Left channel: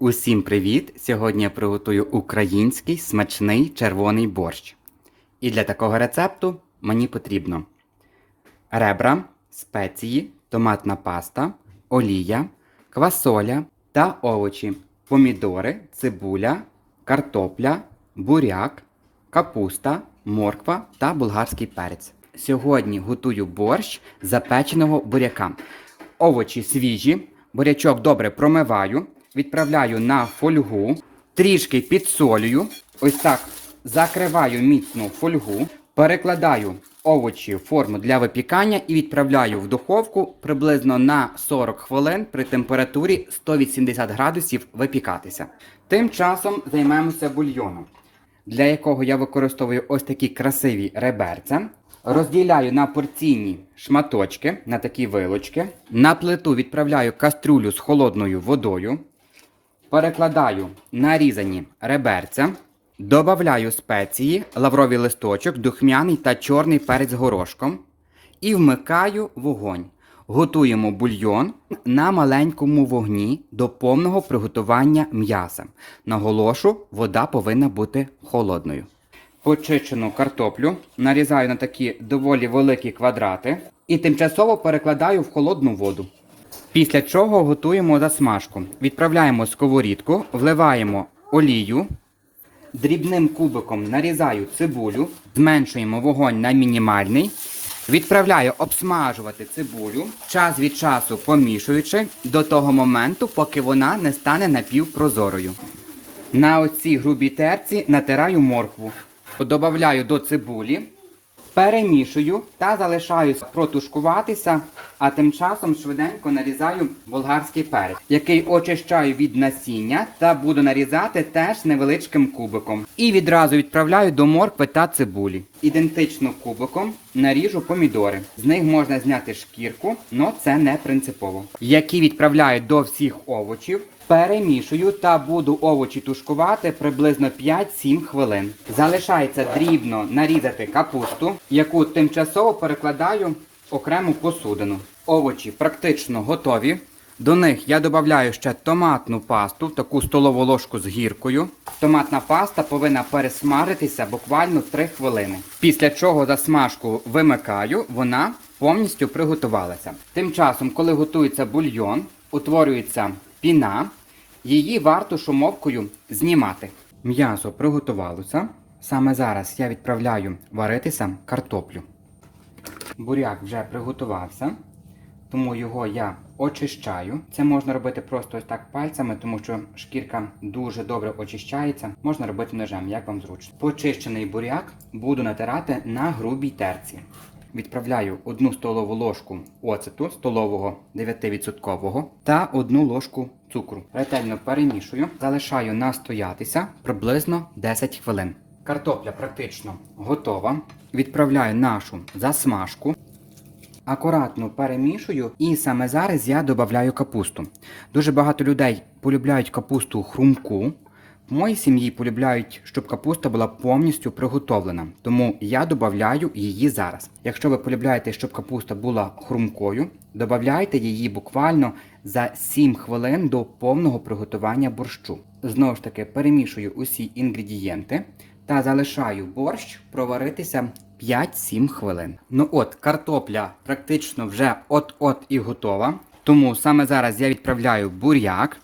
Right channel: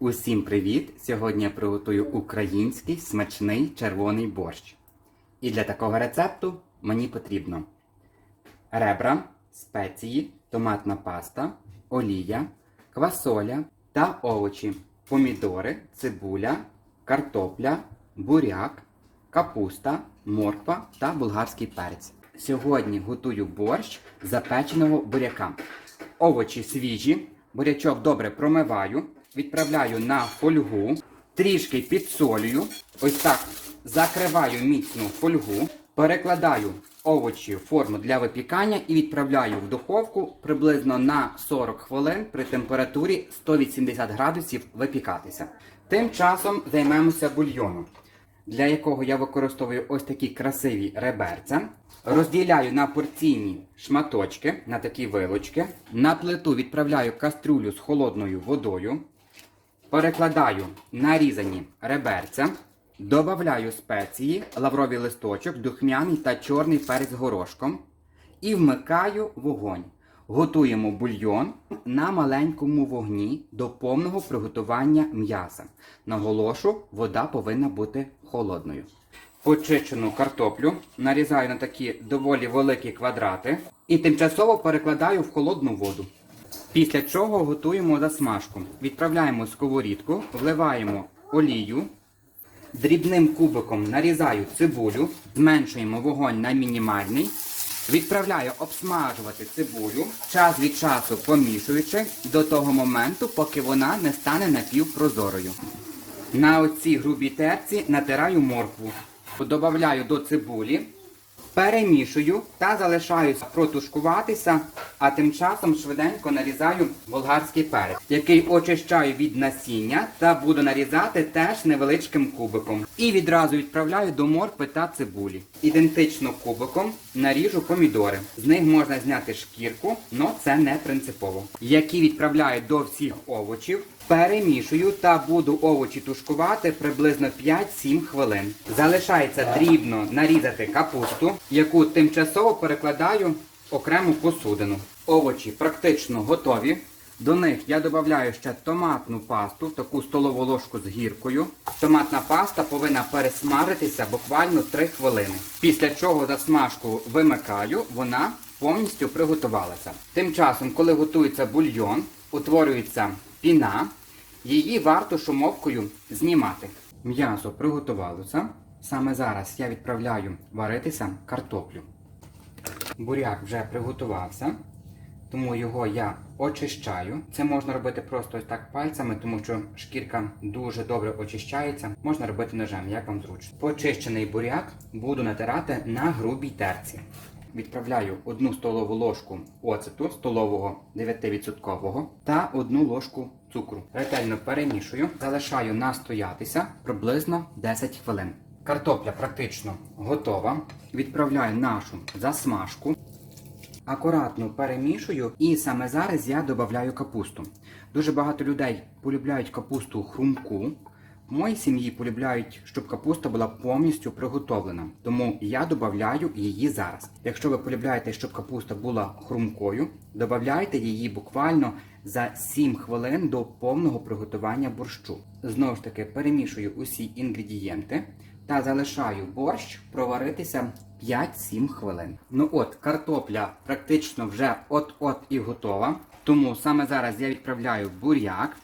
Усім привіт! Сьогодні я приготую український смачний червоний борщ. І для такого рецепту мені потрібно ребра, спеції, томатна паста, олія, квасоля та овочі, помідори, цибуля, картопля, буряк, капуста, морква та болгарський перець. Сьогодні готую борщ запеченого буряка. Овочі свіжі, бурячок добре промиваю, відправляю на фольгу, трішки підсолюю, ось так закриваю міцно фольгу, перекладаю овочі в форму для випікання і відправляю в духовку приблизно на 40 хвилин при температурі 180 градусів випікатися. Тим часом займемося бульйоном, для якого я використовую ось такі красиві реберця. Розділяю на порційні шматочки, на такі вилочки. На плиту відправляю каструлю з холодною водою. Перекладаю нарізані реберця. Добавляю спеції, лавровий листочок, духмяний та чорний перець горошком. І вмикаю вогонь. Готуємо бульйон на маленькому вогні до повного приготування м'яса. Наголошу, вода повинна бути холодною. Почищену картоплю нарізаю на такі доволі великі квадрати і тимчасово перекладаю в холодну воду. Після чого готуємо засмажку. Відправляємо сковорідку, вливаємо олію, дрібним кубиком нарізаю цибулю, зменшуємо вогонь на мінімальний. Відправляю обсмажувати цибулю, час від часу помішуючи до того моменту, поки вона не стане напівпрозорою. На оцій грубій терці натираю моркву. Добавляю до цибулі, перемішую та залишаю протушкуватися, а тим часом швиденько нарізаю болгарський перець, який очищаю від насіння та буду нарізати теж невеличким кубиком. І відразу відправляю до моркви та цибулі. Ідентично кубиком наріжу помідори. З них можна зняти шкірку, але це не принципово. Які відправляю до всіх овочів. Перемішую та буду овочі тушкувати приблизно 5-7 хвилин. Залишається дрібно нарізати капусту, яку тимчасово перекладаю окрему посудину. Овочі практично готові. До них я додаю ще томатну пасту, в таку столову ложку з гіркою. Томатна паста повинна пересмажитися буквально 3 хвилини. Після чого засмажку вимикаю, вона повністю приготувалася. Тим часом, коли готується бульйон, утворюється піна, її варто шумовкою знімати. М'ясо приготувалося. Саме зараз я відправляю варитися картоплю. Буряк вже приготувався, тому його я очищаю. Це можна робити просто ось так пальцями, тому що шкірка дуже добре очищається. Можна робити ножем, як вам зручно. Почищений буряк буду натирати на грубій терці. Відправляю одну столову ложку оцету столового 9% та одну ложку цукру. Ретельно перемішую, залишаю настоятися приблизно 10 хвилин. Картопля практично готова. Відправляю нашу засмажку. Акуратно перемішую і саме зараз я додаю капусту. Дуже багато людей полюбляють капусту хрумку. В моїй сім'ї полюбляють, щоб капуста була повністю приготовлена, тому я додаю її зараз. Якщо ви полюбляєте, щоб капуста була хрумкою, додайте її буквально за 7 хвилин до повного приготування борщу. Знову ж таки, перемішую усі інгредієнти та залишаю борщ проваритися 5-7 хвилин. Ну от, картопля практично вже от-от і готова. Тому саме зараз я відправляю буряк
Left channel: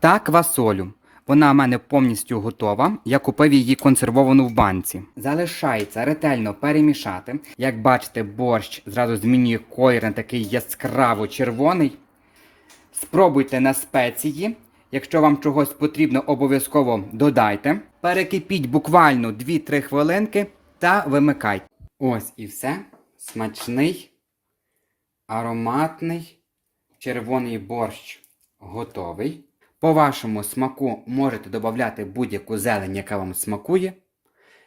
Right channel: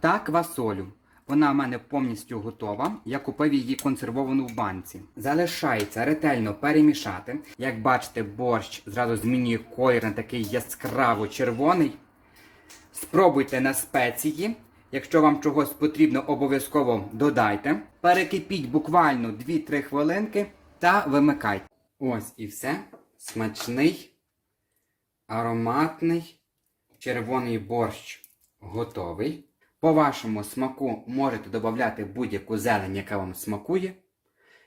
та квасолю. Вона в мене повністю готова. Я купив її консервовану в банці. Залишається ретельно перемішати. Як бачите, борщ зразу змінює колір на такий яскраво червоний. Спробуйте на спеції. Якщо вам чогось потрібно, обов'язково додайте. Перекипіть буквально 2-3 хвилинки та вимикайте. Ось і все. Смачний, ароматний червоний борщ готовий. По вашому смаку можете додати будь-яку зелень, яка вам смакує.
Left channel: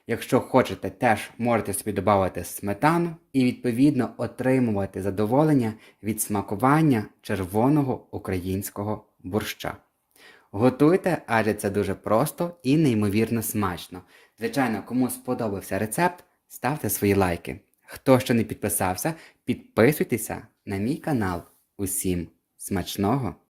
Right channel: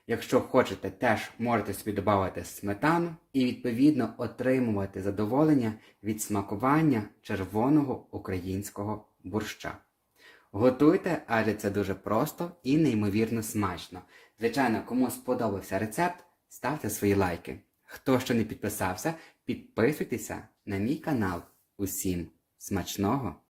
Якщо хочете, теж можете собі додати сметану і відповідно отримувати задоволення від смакування червоного українського борща. Готуйте, адже це дуже просто і неймовірно смачно. Звичайно, кому сподобався рецепт, ставте свої лайки. Хто ще не підписався, підписуйтеся на мій канал. Усім смачного!